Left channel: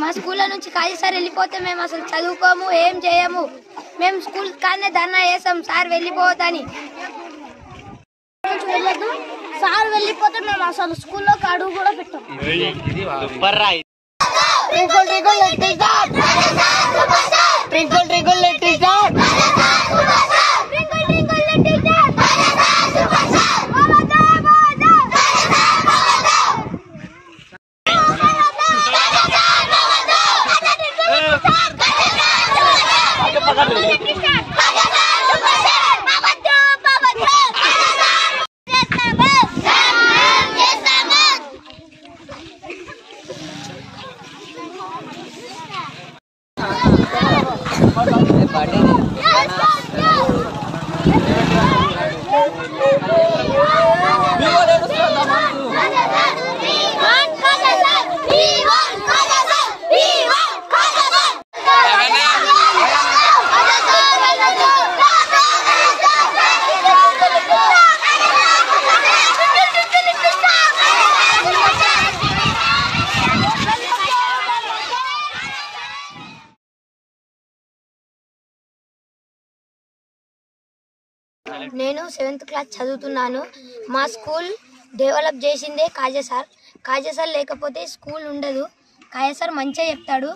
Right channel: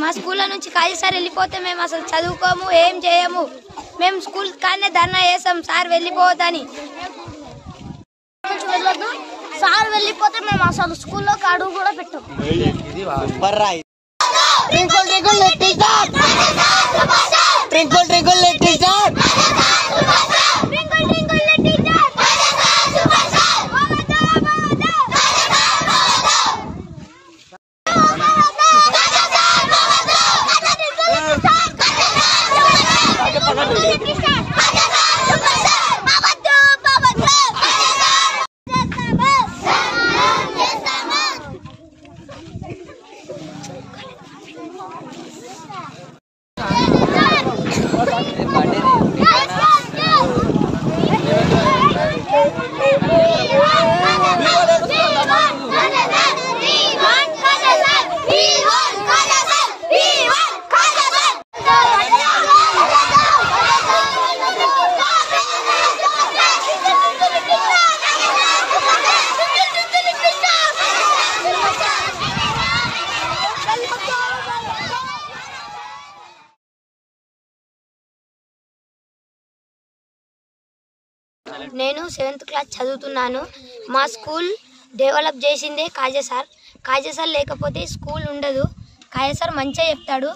మా స్కూల్లో నుంచి కాజీ సార్ వెళ్ళిపోతే మేము అసలు చదువుకోము, ఏం చేయము. మేము స్కూల్ కానీ ధర్నా చేస్తాం సార్ వెళ్ళిపోవద్దని. సార్ వెళ్ళిపోతే మేము అసలు స్కూల్లోకి అడుగు కూడా పెట్టాం. నేను 7th క్లాస్ చదువుతున్నాను. మా స్కూల్ డెవలప్ చేసిందే కాజా సార్. కాజా సార్ లేకపోతే స్కూల్ ఉండదు. కాజా సార్ మంచిగా చెప్తాడు.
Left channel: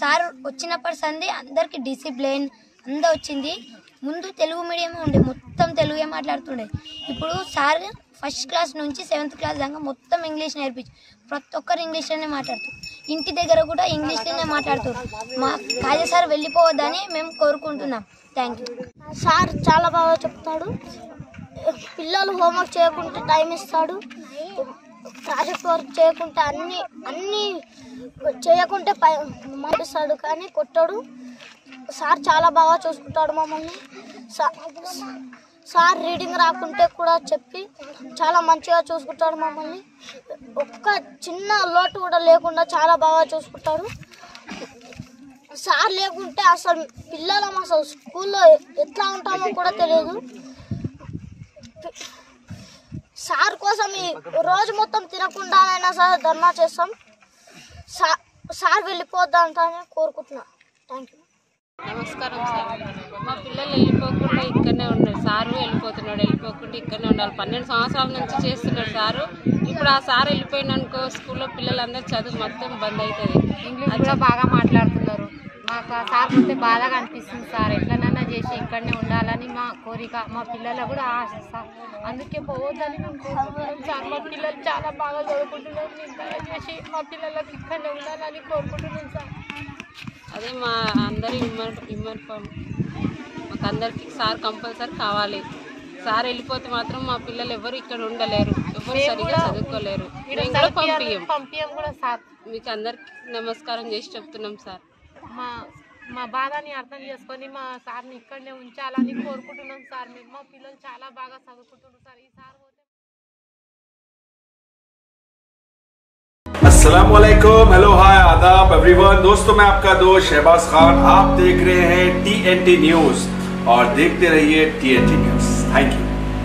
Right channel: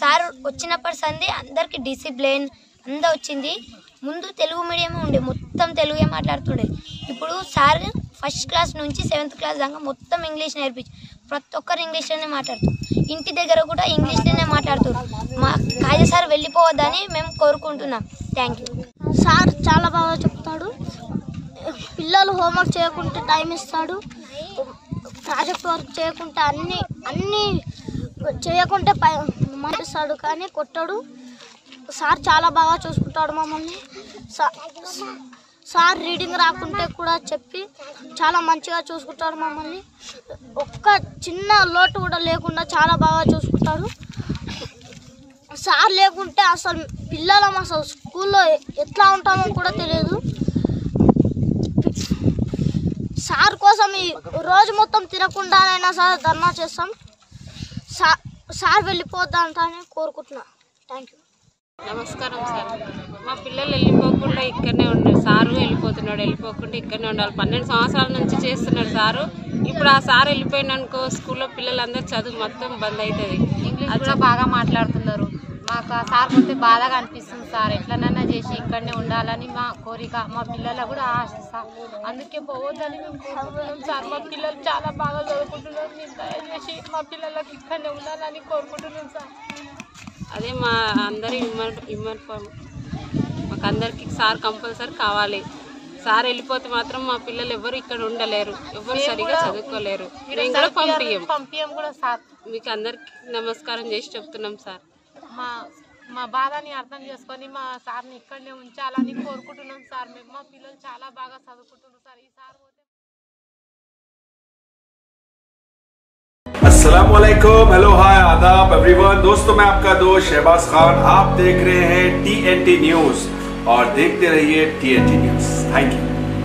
సార్ వచ్చినప్పటి సంది అందరికీ డిసిప్లిన్ అంతా వచ్చింది. ముందు తెలుగు మీడియమే ఉండే, మొత్తం తెలుగే మాట్లాడుతుండే. ఇప్పుడు సార్ ఫస్ట్ క్లాస్ నుంచి 7th క్లాస్ దాకా మొత్తం ఇంగ్లీష్ నేర్పించి ప్రతి ఒక్కరు ఇంగ్లీష్లోనే మాట్లాడుతారు. ఇంటి దగ్గర కూడా ఇంగ్లీష్లోనే మాట్లాడుతారు. మా కాజా సార్ వెళ్ళిపోవద్దని మేము కోరుకుంటున్నాం. Thank you. సార్ చాలా బాగా చెప్తాడు. పిల్లలు హోంవర్క్ చేయకుంటే టైం ఇస్తాడు. ప్రాజెక్ట్ వర్క్ చేయకుంటే అన్నీ చేయకుంటే మాటిస్తాడు కానీ కొట్టాడు. సార్ చాలా బాగా చూసుకుంటాడు మమ్మల్ని. సార్ రీడింగ్ రాకుంటే కూడా చెప్పి చాలా మంచిగా చూసుకుంటాడు మమ్మల్ని. ఒక్క చిన్న లోటు కూడా లేకుండా చాలా బాగా చూసుకుంటాడు. సార్ లేకుంటే అసలు పిల్లలం అసలు స్కూల్లో ఎట్లా ఉంటామో కూడా తెలియదు. సార్ కోసం ఈ రోజు మొత్తం తినకుండానైనా సార్ ధర్నా చేస్తాం. సార్ వెళ్ళిపోద్దంటానే కోరుకుంటున్నా. Thank you. నమస్కారం సార్. మా పిల్లలు వెళ్ళిపోకుండా ఇక్కడనే ఉన్నారు. సారు వెళ్ళిపోకుండా ఇక్కడనే ఉండాలి. 12 సంవత్సరాల నుంచి చేస్తున్నారు సారు. ఇప్పుడు ఆ సార్ వెళ్ళిపోయిననుకో స్కూల్లో పిల్లలందరూ చదువు మొత్తం బంద్ అవుతుంది. ఇంగ్లీష్ కూడా బాగా మాట్లాడుతున్నారు. మాకు ఆ సార్ పోతే బాధగా అనిపిస్తుంది సార్. ఎట్లనైనా చేసి ఇక్కడనే ఉండాలని మా కోరిక, మా పిల్లలకు కూడా ఆశ సార్. అందుకే పోవద్దని మేము కోరుకుంటున్నాం సార్. మా పిల్లలు చాలా బాగా చదువుకుంటున్నారు. మీరు దయచేసి మా పిల్లలకు ఇక్కడనే ఉండాలని కోరుకుంటున్నాం సార్. అదే మా అందరి మాకు అందరికి సార్ కంపల్సరీ కావాలి. సార్ వెళ్ళిపోతే మాత్రం మా పిల్లలు ఎవరు ఇక్కడ ఉండలేరు, ఎవరు సరిగా చదువుకోలేరు. పంపియం కూడా సార్. మీకు అందరికి నమస్కారం చేసి చెప్తున్నాం సార్. మా బాధని అర్థం చేసుకొని మా సార్ని ఇక్కడనే ఉంచాలని కోరుకుంటున్నాం సార్. మేము మా పిల్లలు చాలా బాగా చదువుకుంటున్నారు సార్. ఈ సార్ अस्सलामुअलैकुम, हेलो, हाय, आदाब एवरीवन। दोस्तों मैं आपका दोस्त शहबाज खान, आप देख रहे हैं TNT न्यूज और देखते रहिए TNT न्यूज। Thank you.